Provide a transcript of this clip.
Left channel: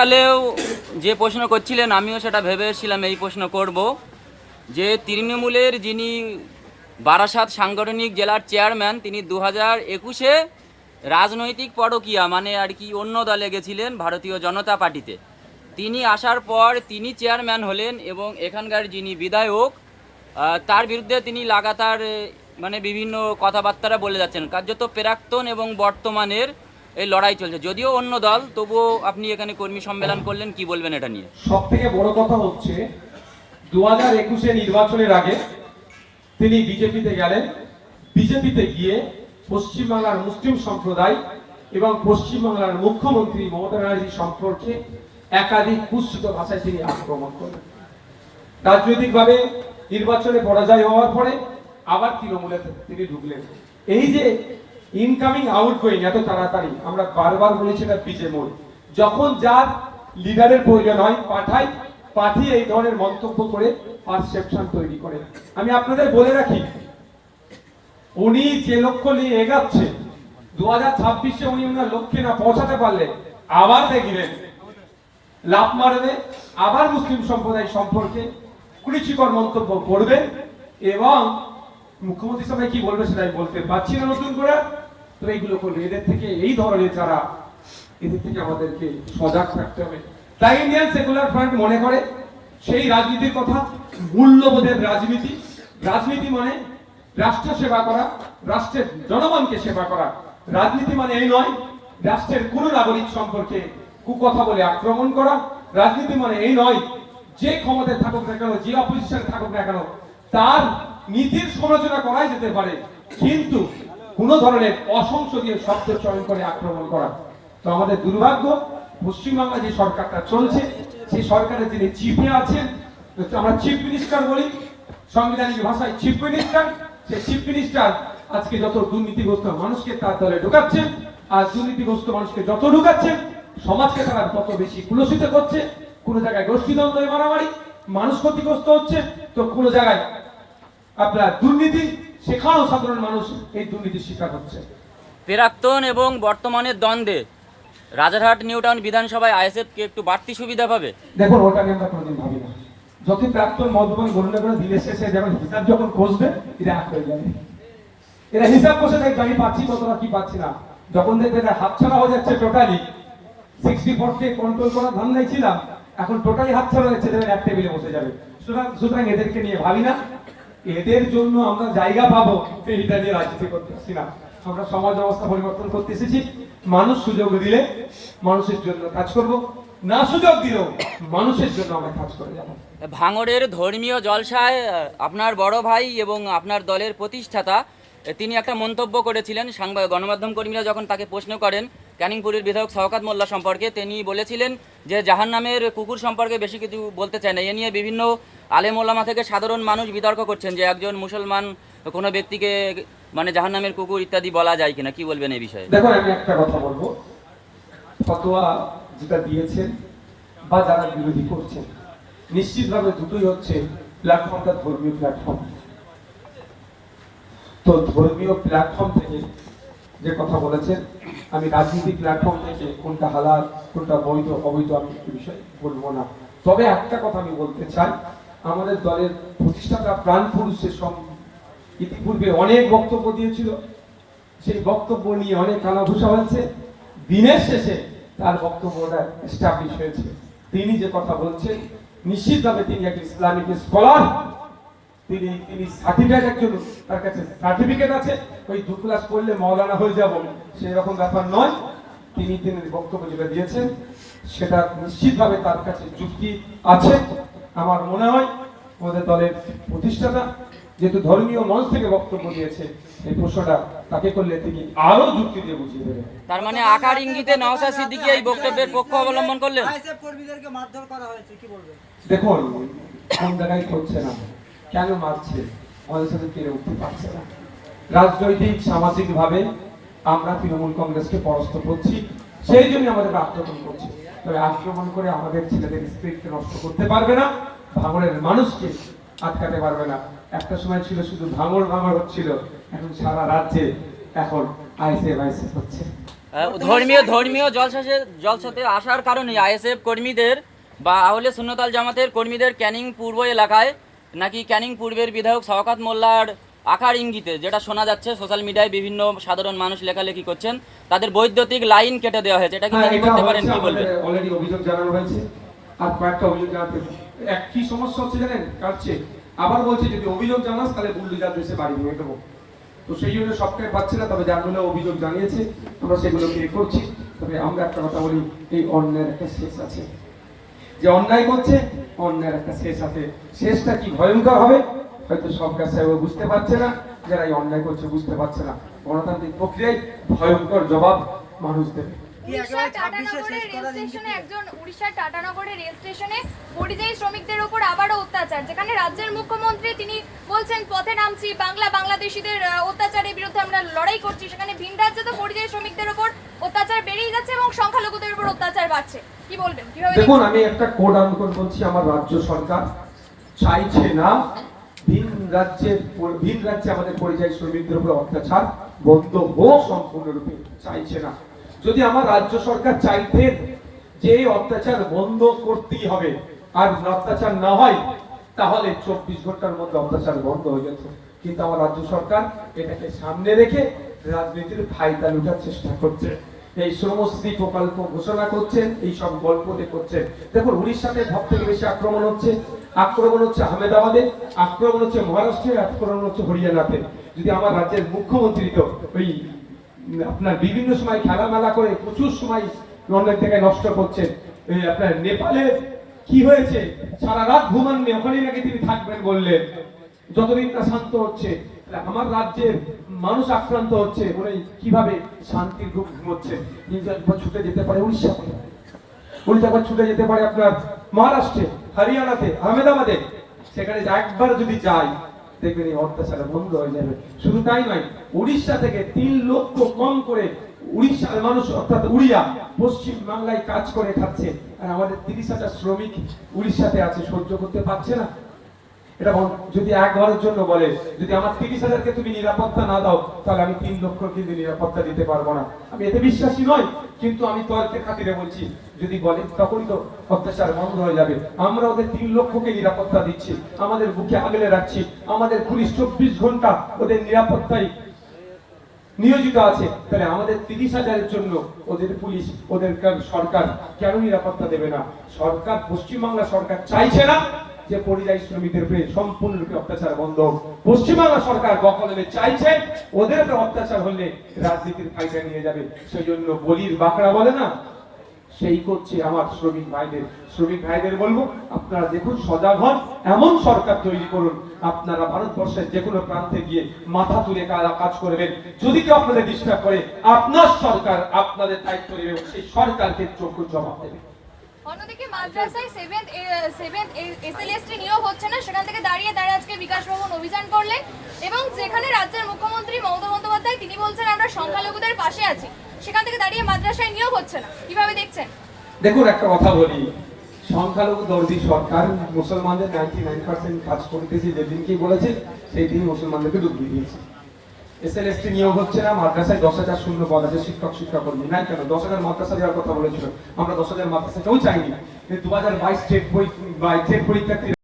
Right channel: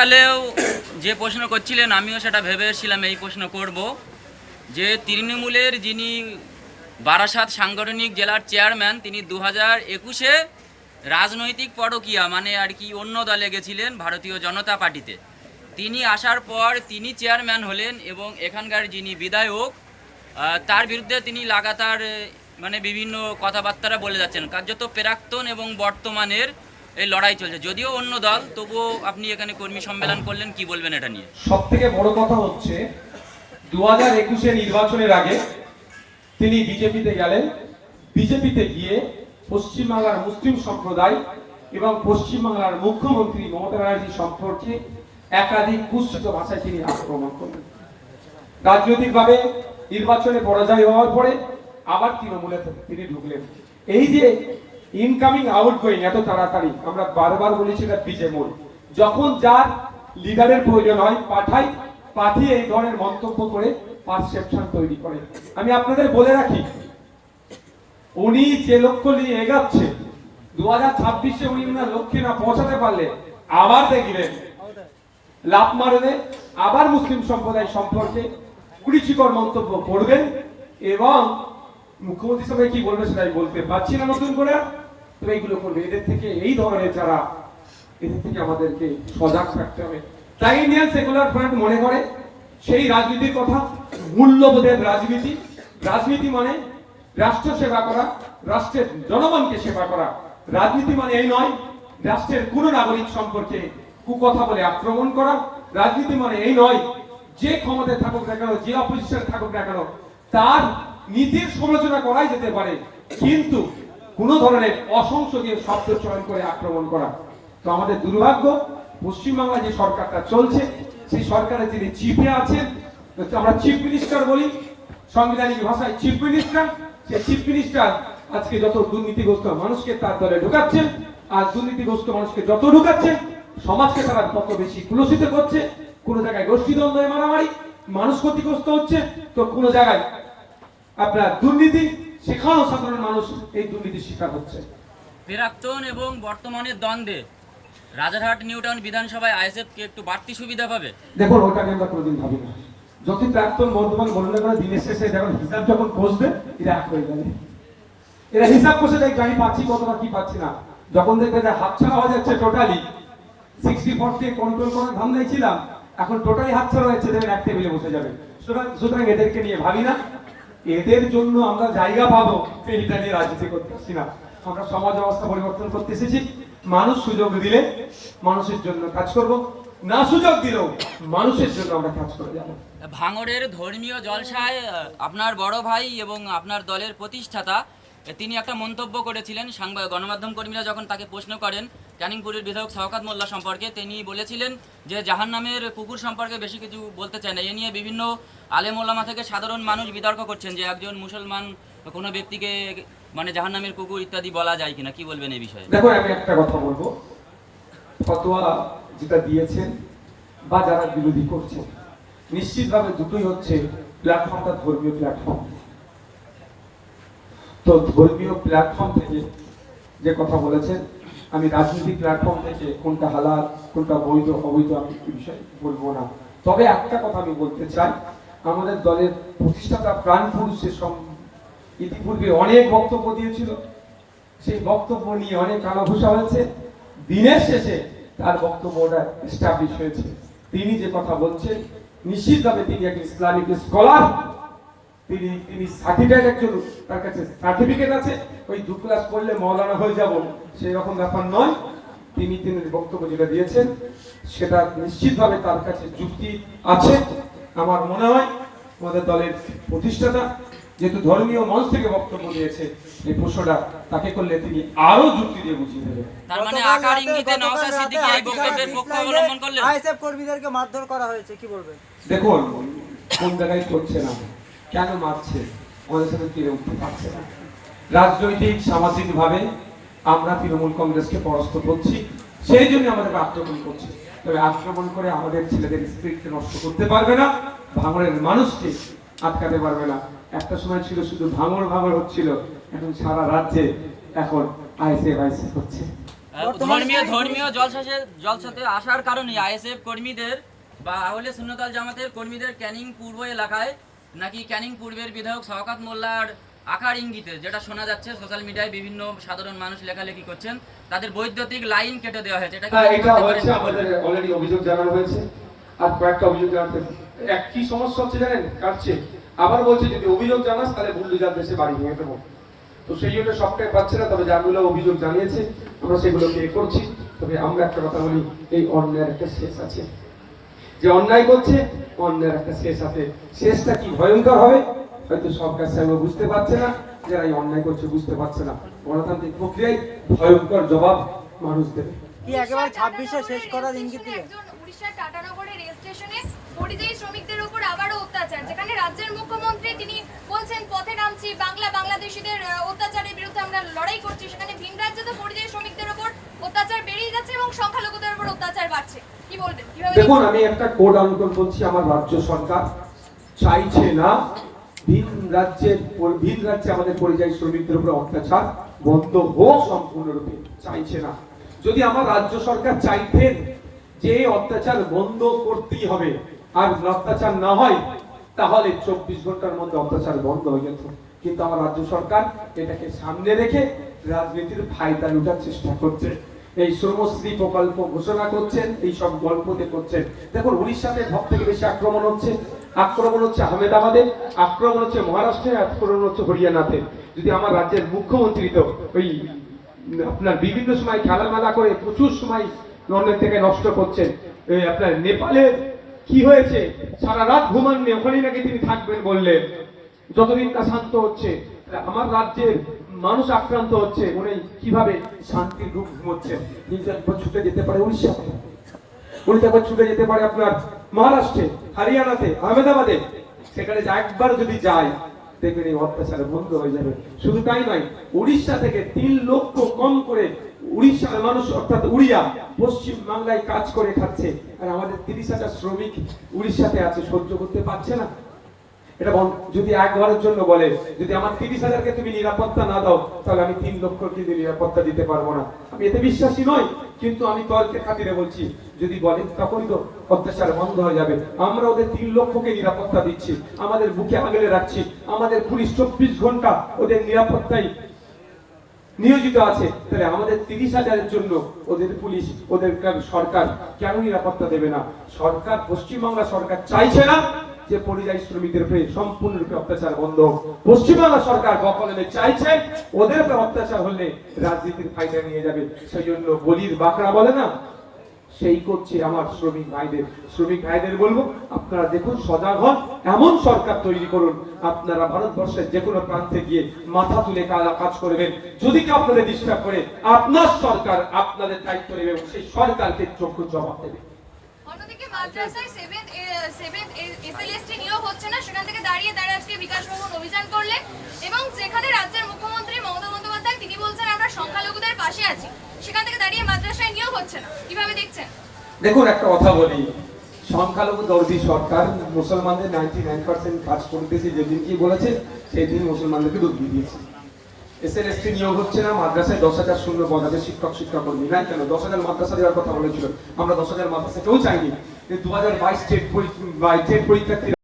কালেও যে প্রশ্ন করছিলেন আমিও সেটা ভেবে এসেছিলাম এই প্রশ্ন করব যে তৃণমূলের যিনি বারাসাত সাংগঠনিক জেলার চেয়ারম্যান তিনি 2021-এ রাজনৈতিক পরকীয়া মানে আর কি অন্য দলে গেছিলেন ভারতীয় জনতা পার্টিতে। তিনি আসার পর তিনি চেয়ারম্যান হলেন এবং এখানকার যিনি বিধায়ক তার বিরুদ্ধে তিনি লাগাতার মানে বিভিন্ন কথাবার্তা বলে যাচ্ছেন। কার্যত প্রাক্তন এবং বর্তমানের এই লড়াই চলছে, যদিও অন্য দল, তবুও আপনি এখানে কর্মী সম্মেলন করলেন, কি বলবেন এটা নিয়ে? সব থেকে বড় কথা হচ্ছে 2021-এ নির্বাচনের আগে তিনি বিজেপিতে গেলেন। বিজেপিতে গিয়ে পশ্চিমবাংলার মুসলিম সম্প্রদায় এবং পশ্চিমবাংলার মুখ্যমন্ত্রী মমতা ব্যানার্জি সম্পর্কে একাধিক কুৎসিত ভাষায় তিনি আক্রমণ করলেন। রাজনৈতিকভাবে নির্বাচনে পরাজয় হওয়ার পরে আবার তৃণমূলে তিনি ঢুকলেন। এই যে ইনকামিং আউটগোয়িং এত তাড়াতাড়ি, আমরা বারবার বলেছি না বিজেমূল, যখন যার লিডারের প্রয়োজন হয় পাঠিয়ে এই ধরনের মন্তব্য করে পারসেপশন তৈরি করে। আমি আপনাদের বলে রাখি, উনি যে লক্ষ্য নিয়ে এগাচ্ছে 2026-এ উনি ওনার লক্ষ্যে না পৌঁছাতে পারলে আবার দেখবেন লাভ মারবে, আবার মুসলিম সম্প্রদায় সম্পর্কে কুরুচিকর মন্তব্য করবেন এবং মুখ্যমন্ত্রী সবাই কি বলবে সেটা আমি বলতে পারছি না নতুন করে, তো এইগুলো করবে। এদের থেকে, এই ধরনের যারা, এদের থেকে আমাদেরকে সজাগ থাকতে হবে। তাই ইন্ডিয়ান সেকুলার ফ্রন্ট মনে করে সেই রাজনীতির কথা, মূল্যবোধের রাজনীতি। রাজনীতি মানে রাষ্ট্র সেবা করা, রাষ্ট্রের জনগণকে সেবা করা। রাজনীতি মানে এই নয় রাষ্ট্রের কোন নাগরিক সম্পর্কে কুকথা বলে আক্রমণ করা। রাজনীতি মানে এই নয় যে ক্ষমতায় থাকুক না কেন, যে অপোজিশনে থাকুক না কেন, তার নীতির সমালোচনা করাই যেতে পারে, কিন্তু কোন ধরনের অসংসদীয় শব্দ চয়ন করে আক্রমণ করা। তো আমাদের দুর্ভাগ্য, পশ্চিমবাংলা যে সরকারটা চলছে সেই সরকারে যিনি চিফে আছেন, আমরা চিফ মিনিস্টার বলি সাংবিধানিক ভাষায়, চিফ মিনিস্টার, সেই চিফ মিনিস্টার আজকে যত দুর্নীতিগ্রস্ত মানুষকে তার দলে ঢুকাচ্ছেন, আর দুর্নীতিগ্রস্ত মানুষকে যত ঢুকাচ্ছেন সমাজকে তারা তত বেশি কুলসিত করছে। কোন জায়গায় গোষ্ঠীদ্বন্দ্ব মারামারি, মানুষ ক্ষতিগ্রস্ত হচ্ছে, তো কোন জায়গায় আপনার দুর্নীতি, সেখানেও সাধারণ মানুষ এই দুর্নীতির শিকার হচ্ছে। প্রাক্তন এবং বর্তমানের দ্বন্দ্বে রাজারহাট নিউ টাউন বিধানসভায় আইএসএফ কি একটু বাড়তি সুবিধা পাবে? দেখুন, ওটা আমরা কোনোদিন ভাবি না। যদি প্রাক্তন বর্তমান বললে করে দিনের শেষে যখন হিসাব যখন কষবে এটা এক হয়ে যাবে। এরা হিসাব কষে দেখবে আমি পাচ্ছি কত না কি পাচ্ছি না। যখন দেখবে এটা হাতছাড়া হয়ে যাচ্ছে, টোটালি 60-40 কন্ট্রোল করার ধান্দায় ছিলাম, এখন টোটালি হাতছাড়া হয়েছে, দেখবেন এক টেবিলে বসে যাবে। সুতরাং এদেরকে নিয়ে ভাবি না, এদের জন্য আমরা জায়গা পাবো এইটা নিয়ে রাজনীতি করতেছি না। আমরা সমাজ ব্যবস্থা পরিবর্তন করতে এসেছি। মানুষ সুযোগ দিলে মানুষের জন্য কাজ করব, না সুযোগ দিলেও মানুষের জন্য আমরা কাজ করে যাব। ভাঙড়ের ধর্মীয় জলসায় আপনার বড় ভাই এবং আপনার দলের প্রতিষ্ঠাতা তিনি একটা মন্তব্য করেছিলেন। গণমাধ্যম কর্মীরা যখন তাকে প্রশ্ন করেন ক্যানিংপুরের বিধায়ক শওকত মোল্লা সম্পর্কে, তিনি বলেছিলেন যে জাহান্নামের কুকুর সম্পর্কে বেশি কিছু বলতে চায় না। এ নিয়ে বিভিন্ন আলেম ওলামা থেকে সাধারণ মানুষ বিতর্ক করছেন যে একজন মুসলমান কোনো ব্যক্তিকে মানে জাহান্নামের কুকুর ইত্যাদি বলা যায় কিনা, কি বলবেন এই বিষয়ে? দেখুন, আমি একটা কথা বলবো, ফতোয়া যেটা দিয়েছেন বা যারা বিরোধী করছেন, নিশ্চিতভাবে দুটোই হচ্ছে প্ল্যাটফর্মটা ধর্মীয় প্ল্যাটফর্ম। তো ধর্মীয় প্ল্যাটফর্ম থেকে যে কথা বলেছেন, আমি রাজনৈতিক প্ল্যাটফর্ম থেকে কোনটা হালাল কোনটা বৈধ অবৈধ আমি এই বিষয়ে বলবো না। তবে একটা কথা আমি বলতে চাই, আমাদের দলের প্রতিষ্ঠাতা প্রাণ পুরুষের সব ইতিপূর্বে অনেক বক্তব্য দিয়েছিল, সেই বক্তব্য নিয়ে অনেক কানাঘুষা হয়েছে। দিনের শেষে তার বক্তব্যটা এস্টাবলিশ হয়েছে। তিনি যে কথা বলছেন নিশ্চিতভাবে তিনি একজন ইসলামিক স্কলার, তিনি সার্টিফিকেট, একজন তার কাছে সার্টিফিকেট আছে, ওই 2 ক্লাস পড়লে মাওলানা হয়ে যাব সেই রকম ব্যাপার নয়। তিনি বক্তব্য যেটা দিয়েছেন সেটা নিশ্চিতভাবে তার কাছে যুক্তি আছে। আমার মনে হয় আমাদের দলের প্রতিষ্ঠাতা যেহেতু ধর্মীয় মঞ্চ থেকে বক্তব্য দিয়েছে, এই প্রশ্নটা তাকে করলে তিনি আরো যুক্তি দিয়ে বুঝিয়ে দেবেন। তার মানে আকার ইঙ্গিতে নওশাদ সিদ্দিকী এই বক্তব্যের পক্ষ অবলম্বন করলেন। আইএসএফ কর্মীদেরকে মারধর করা হয়েছে, কি বলবেন? দেখুন, কোন জায়গায় করছে না, কেন মারছে, আমাদের সাথে তীরে উঠতে পারছে না। রাজনৈতিক সামাজিক ভাবে আমরা তৃণমূল কংগ্রেসকে পরাস্ত করছি, সেই জন্য আমাদের আক্রমণ করছে। তবে আক্রমণ করে আমাদের ছেলেদের স্পিরিটকে নষ্ট করতে পারবে না, ভাঙড়ের মানুষকে আটকাতে পারবে না। একটা সময় ছিল শুধু ভাঙড় হচ্ছিল, এখন সারা রাজ্যে এখন আইএসএফ হচ্ছে। ধর্মীয় জলসাতে আসার কারণে আইএসএফ কর্মীদের বা আহলে সুন্নতাল জামাতের কর্মীদের ক্যানিং পূর্ব এলাকায় নাকি ক্যানিং পূর্বের বিধায়ক শওকত মোল্লার আকার ইঙ্গিতে যেটা শোনা যাচ্ছে সোশ্যাল মিডিয়ায় বিভিন্ন সাধারণ মানুষ লেখালেখি করছেন, তাদের বৈদ্যুতিক লাইন কেটে দেওয়া হয়েছে। এটা কি হ্যাঁ, মেনে এটা করতে পারেন, হচ্ছে, কি বলবেন? আমাদের অলরেডি অভিযোগ জানানো হয়েছে, আর কয়েকটা অভিযোগ জানাতে একই সমস্যা হচ্ছে, জানেন কাটছে, আবার বলছে যদি অভিযোগ জানাস তাহলে বুলডোজার দেশে বাড়ি নিয়ে দেবো। তো সেই জন্য সবটাই পাচ্ছে না, তবে যাগুলো অভিযোগ জানিয়েছে আমরা সেগুলো পে করছি। তবে আমরা একটা কথা বলি, এই অন্যায়ের একটা শেষ আছে। যে অন্যায় করছে অন্যায়ের একটা শেষ আছে, শেষটা কি ভয়ঙ্কর হবে হয়তো সরকার সাহেব বুঝতে পারছে না, যারা এই অন্যায় করছে বুঝতে পারছে না। গণতান্ত্রিক প্রক্রিয়ায় ভয়ঙ্কর জবাব মানুষ দেবে। কি একেবারে 26-এ শেষ করার ইঙ্গিত দিলেন? একজন উড়িষ্যার টাটানগরের রেল স্টেশনে পরিযায়ী শ্রমিকদের উপর আবারও অত্যাচার, যেখানে রাজ্যের মুখ্যমন্ত্রী তিনি বলছেন পথে নামছি, বাংলাদেশিদের অত্যাচারের বিরুদ্ধে আমরা লড়াই করছি, সেখানে ভিন রাজ্যে তো পরিযায়ী শ্রমিকদের উপর অত্যাচার বেড়েই যাচ্ছে এবং সংখ্যালঘুদের উপর অত্যাচার বাড়ছে। কি বলবেন, কিভাবে? দেখুন, আমি একটা কোড আন্দোলন বলছি, আমার রাজ্য সরকার চাইছে না ভিন রাজ্যে আমাদের পরিযায়ী শ্রমিকদের উপর অত্যাচার বন্ধ হোক, সম্পূর্ণরূপে চাইছে না। যদি আমার রাজ্য সরকার চাইতেন যে অত্যাচার বন্ধ করতেই হবে আর অত্যাচার না হয় তাহলে 24 ঘন্টার মধ্যে অত্যাচার বন্ধ হয়ে যেত, কিন্তু আমার রাজ্য সরকার এটাকে সামনে রেখে রাজনীতির ফায়দা লুটার চেষ্টা করছে। এই শ্রমশ্রী প্রকল্প ঘোষণা করছেন, এই সব গল্পতে করছেন। দেখুন, উড়িষ্যাতে সব থেকে বেশি আক্রমণ হচ্ছে আহমেদাবাদে, আক্রমণ হচ্ছে মহারাষ্ট্রে, আক্রমণ হচ্ছে হরিয়ানাতে। যদি আমার রাজ্যের মুখ্যমন্ত্রী তো ওই আপনার বিভিন্ন সময় খেলামেলা করে প্রচুর সময় লন্ডন থেকে নষ্ট করছে। আপনার নেপালে কি হয়েছে, সারা রাত ঘুমাননি, ওখানেই নাকি তিনি থাকবেন বললেন, যতদিন না শান্ত হচ্ছে। আমার রাজ্যের মানুষ আক্রান্ত হচ্ছে, উনি কিভাবে শান্তির ঘুম ঘুমোচ্ছে। কিন্তু একবার ছুটে যেতে পারে উড়িষ্যাতে, একবার ছুটে যেতে পারে আপনার মহারাষ্ট্রে, হরিয়ানাতে, আহমেদাবাদে, সেখানে একবার যদি যায় দেখবেন এই অত্যাচার বন্ধ হয়ে যাবে। শুধু তাই নয়, উড়িষ্যা থেকে 3 লক্ষ কম করে উড়িষ্যার মানুষ অর্থাৎ উড়িয়া পশ্চিম বাংলায় কাজ করে খাচ্ছে, আর আমাদের 30,000 শ্রমিক উড়িষ্যাতে আছে, সহ্য করতে পারছে না। এটা যদি একবারের জন্য বলে যদি আমার 30,000-কে তুমি নিরাপত্তা না দাও তাহলে আমি 3 লক্ষ কিন্তু নিরাপত্তা দিতে পারবো না, আমি এতে বিশ্বাসী নই। কিন্তু আমি তর্কের খাতিরে বলছি, যদি বলেন তখনই তো অত্যাচার বন্ধ হয়ে যাবে। আমরা ওদের 3 লক্ষকে নিরাপত্তা দিচ্ছি, আমাদের বুকে আগলে রাখছি, আমাদের পুলিশ 24 ঘন্টা ওদের নিরাপত্তায় নিয়োজিত আছে, তাহলে আমাদের 30,000-এর জন্য ওদের পুলিশ, ওদের সরকার কেন নিরাপত্তা দেবে না? সরকার, পশ্চিমবাংলা সরকার চাইছে না যে পরিযায়ী শ্রমিকদের উপরে সম্পূর্ণরূপে অত্যাচার বন্ধ। পশ্চিমবাংলা সরকার বকলমে চাইছে ওদের উপরে অত্যাচার হলে রাজনীতির ফায়দা নিয়ে যাবে। সেই জন্য বলির বাকরা বলে না, সেই করছে আমার শ্রমিক ভাইদের বলবো, আপনারা দেখুন, সজাগ হন, এমন সরকার তৈরি করুন, আপনারা ভারতবর্ষের যে কোনো প্রান্তে গিয়ে মাথা তুলে কাজ করবেন। যদি কেউ আপনাদের ডিস্টার্ব করে, আপনার সরকার আপনাদের দায়িত্ব নেবে, সেই সরকারকে যোগ্য জবাব দেবে। অন্যদিকে মাদ্রাসায় 7th এসএলএসটি নিয়োগ হচ্ছে না, সেখান থেকে দাঁড়িয়ে আজকে বিকাশ ভবন অভিযান করলেন এবং যেখানে রাজ্যের মুখ্যমন্ত্রী মমতা বন্দ্যোপাধ্যায় তিনি বলছেন আমরা সংখ্যালঘুদের পাশে আছি, সেখান থেকে দাঁড়িয়ে মাদ্রাসায় নিয়োগ হচ্ছে না, কিভাবে দেখছেন? দেখুন, একটা কথা বলি, সংখ্যালঘু দর্দি সরকার মুসলমানদের 99% কাজ করতেছে, যেদিনকেই বলেছে সেই দিন মুসলমানদেরকে ডুব দিয়ে দিয়েছে। এসএলএসটি নিয়োগ হচ্ছে না, মাদ্রাসায় 10,000 শূন্য পদ আছে, শিক্ষকর্মী নাই কেন? 10,000 মাদ্রাসা দেওয়ার কথা বলেছিল, আমরা 10,000 মাদ্রাসাটাও চাইনি। 2022 টেট পরীক্ষার্থী